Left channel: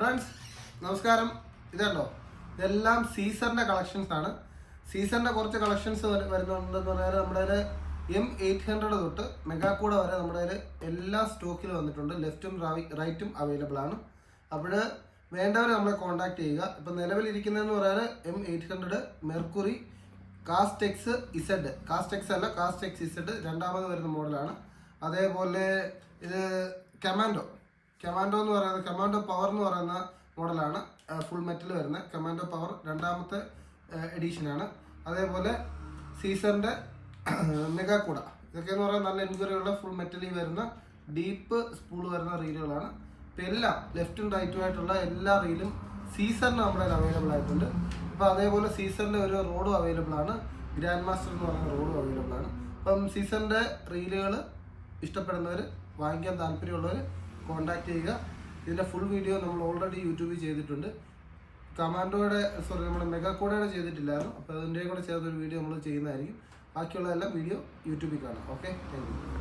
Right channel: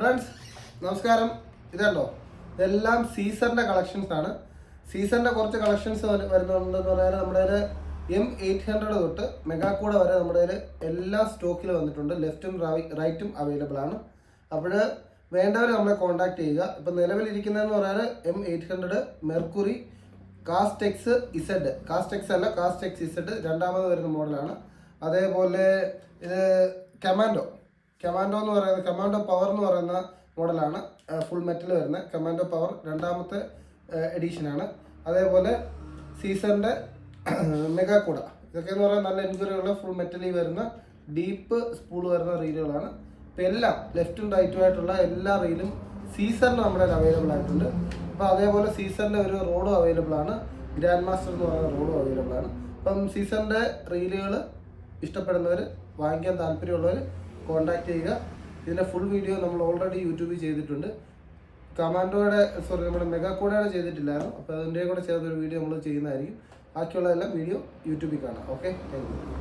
Friends നമസ്കാരം. ഇതുണ്ടോ, ഇതെല്ലാം സീസറിന്റെ കളക്ഷൻസ് ആണ്. സീസറിന്റെ കുറച്ച് കളക്ഷൻസ് വരുന്നുണ്ടെന്ന് പറഞ്ഞാൽ നമ്മുടെ M800 തൊട്ട് മെഗാക്കൂട വരെ നമ്മുടെ എല്ലാ സ്റ്റോക്കിൽ വന്നിട്ടുണ്ട്. ലെഫ്റ്റും റൈറ്റും അവൈലബിൾ ആണ്. അപ്പോൾ വേണ്ടവർ നമ്മളെ കോൺടാക്ട് ചെയ്യുക. ഇപ്പം നിലവിലിരിക്കുന്നതെന്ന് പറഞ്ഞാൽ M800 mercury Castex Z, Castex അല്ല കാസ്റ്റെക്സ് ഇസഡ് രണ്ടാമത് വരുന്ന മോഡലാണ്. അതേപോലെ ഇത് കമാൻഡോ എന്ന് പറയുന്നത്, കമാൻഡോ പവർ എന്ന് പറയുന്ന മോഡലാണ്. ഫുൾ മെറ്റൽ വരുന്ന കമാൻഡോ പവർ രണ്ടാമത്തെ എഡീഷനാണ്. അതേപോലെ സീസറിൻ്റെ മെഗാക്കൂട, ഇതൊക്കെ എന്ന് പറയുന്നത് നല്ല എൻക്വയറിയുള്ള ഫുൾ മെറ്റലിൽ വരുന്ന ഡീപ്പ് സ്പൂൾ വരുന്ന റീലുകളാണ്. ഇപ്പം എല്ലാം ലെഫ്റ്റും റൈറ്റും ആയിട്ടുള്ള എല്ലാ റീലും സീസറിന് നമ്മുടെ അവൈലബിൾ ആയിട്ടുണ്ട്. അപ്പോൾ അതേപോലെ സീസറിൻ്റെ ഒരു റോഡും അവൈലബിൾ ആണ്. ഗ്രാൻഡ് മാസ്റ്റർ എന്ന് പറയുന്ന റോഡും അവൈലബിൾ ആണ്. അപ്പം സീസറിൻ്റെ റീലുകൾ ഇഷ്ടപ്പെടുന്നവർ, വാങ്ങിക്കാൻ താല്പര്യമുള്ളവർ കോൺടാക്ട് ചെയ്യുക. ഇതിൻ്റെ ഫുൾ വീഡിയോ നമ്മൾ ഓൾറെഡി യൂട്യൂബിൽ ചെയ്തിട്ടുണ്ട്. നമ്മുടെ മെഗാക്കൂടയുടെ ചെയ്തിട്ടില്ലായിരുന്നു. അപ്പോൾ അതിൻ്റെ കൂടെ ചേർത്തൊരു വീഡിയോ നമ്മൾ ചെയ്യുന്നതായിരിക്കും. ബാക്കിയുള്ളതെല്ലാം വീഡിയോ യൂട്യൂബിൽ കാണാം. Okay, thank you.